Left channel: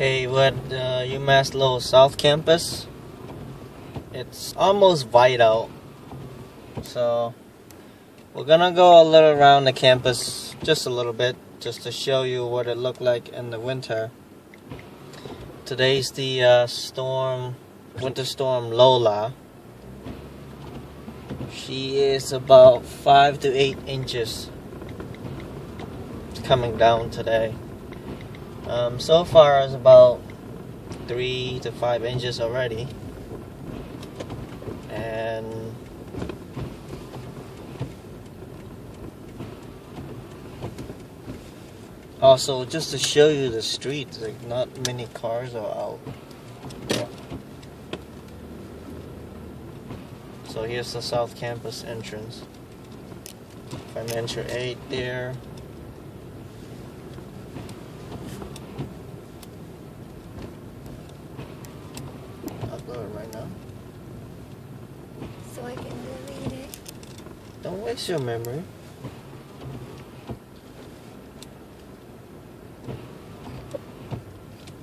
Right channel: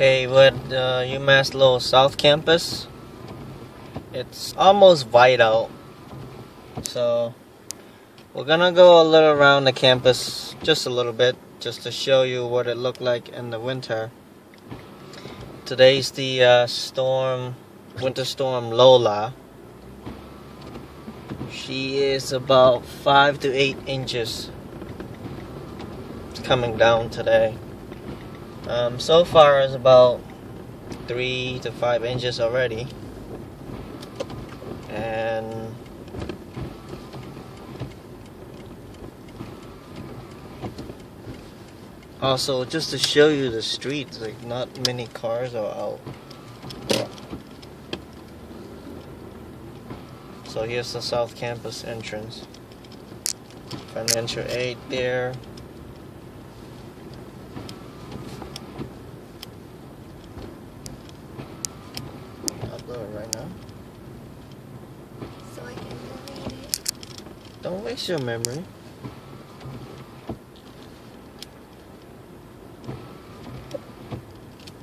Okay, with Umass Lowell South Campus, it's almost white out, so we're gonna go a little around the campus, just a little bit, just to show you what it looked like in the winter. Today's the winter storm Lola. She is about 5 to 8 inches. It's coming down today. So far it's about 3 to 5 inches already, and also just to show you the streets, like not many cars are out. So here's the South Campus entrance. Financial aid there. Upload right now. So I can delete it. Don't waste your memory.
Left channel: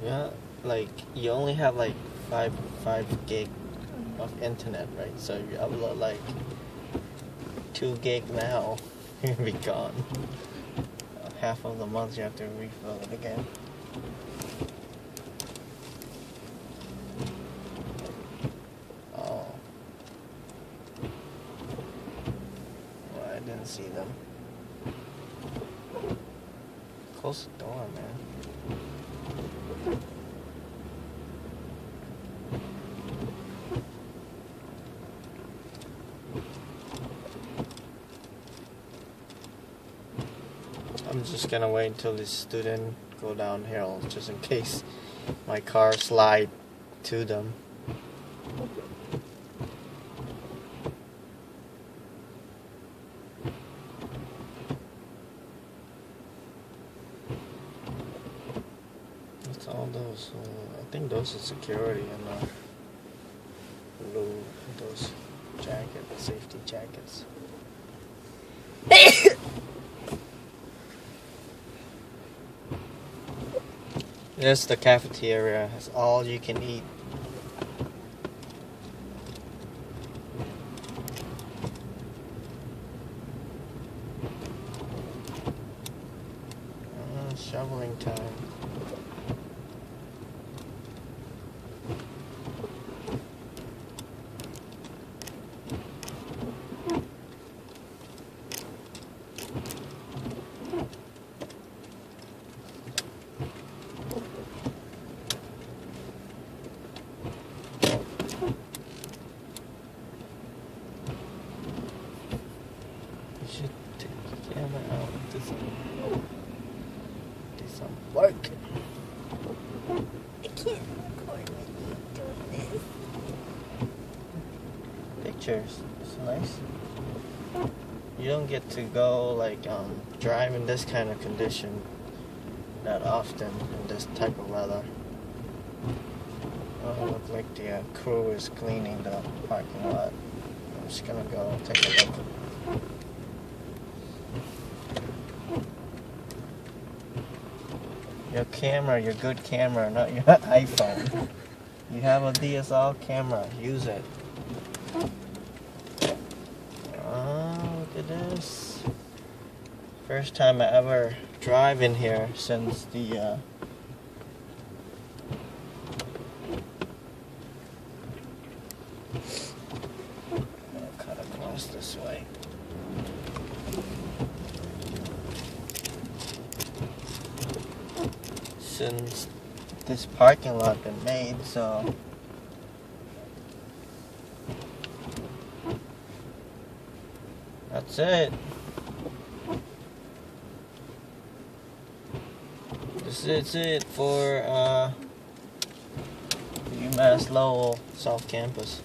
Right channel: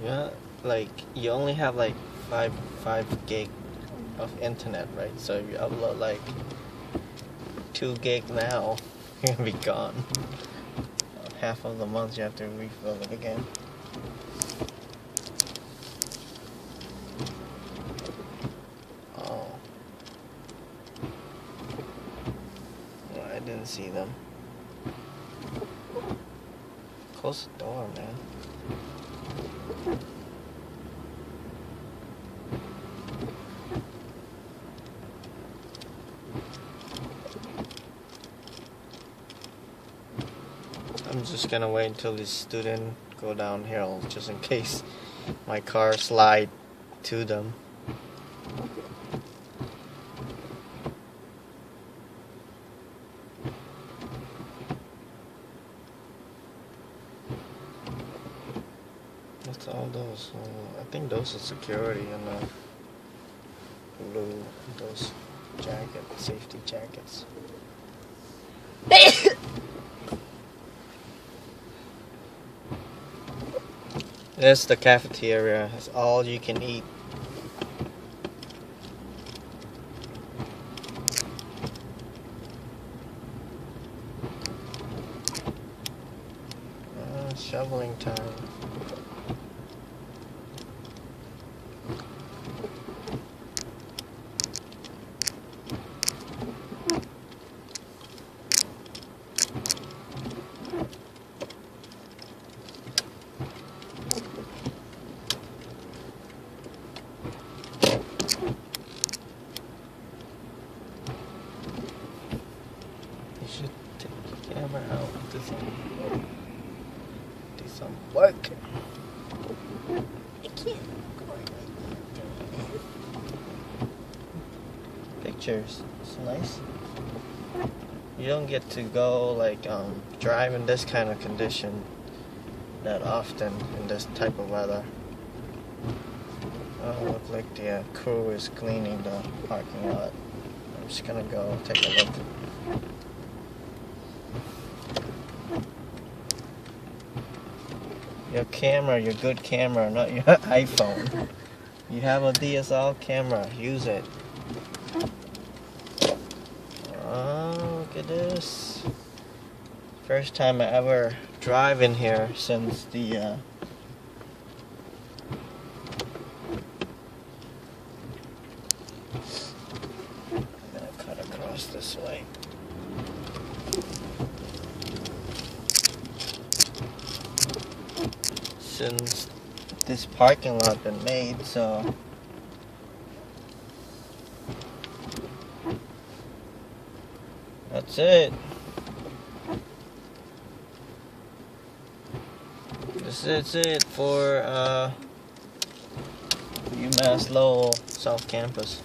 Yeah, like you only have like 5 gig of internet, right? So you upload like 2 gig now, you're gonna be gone. Half of the month you have to refill it again. Oh. No, I didn't see them. Close the door, man. I'm just gonna wait until the student go downhill, just in case my car slide to them. What's all those? I think those are security and blue, those jackets, safety jackets. This is the cafeteria. It's all you can eat. Shoveling time. You should take the camera out and do some work. I can't record like doing this. Pictures. It's nice. You don't get to go like drive in this kind of condition that often in this type of weather. Oh, look like the crew is cleaning the parking lot. I'm just gonna go take a look. Your camera, your good camera, not your iPhone. You have a DSLR camera, use it. Oh, look at this. First time I ever drive in here since the I'll cut across this way. Since this parking lot been made, so that's it. This is it for Umass Lowell South Campus.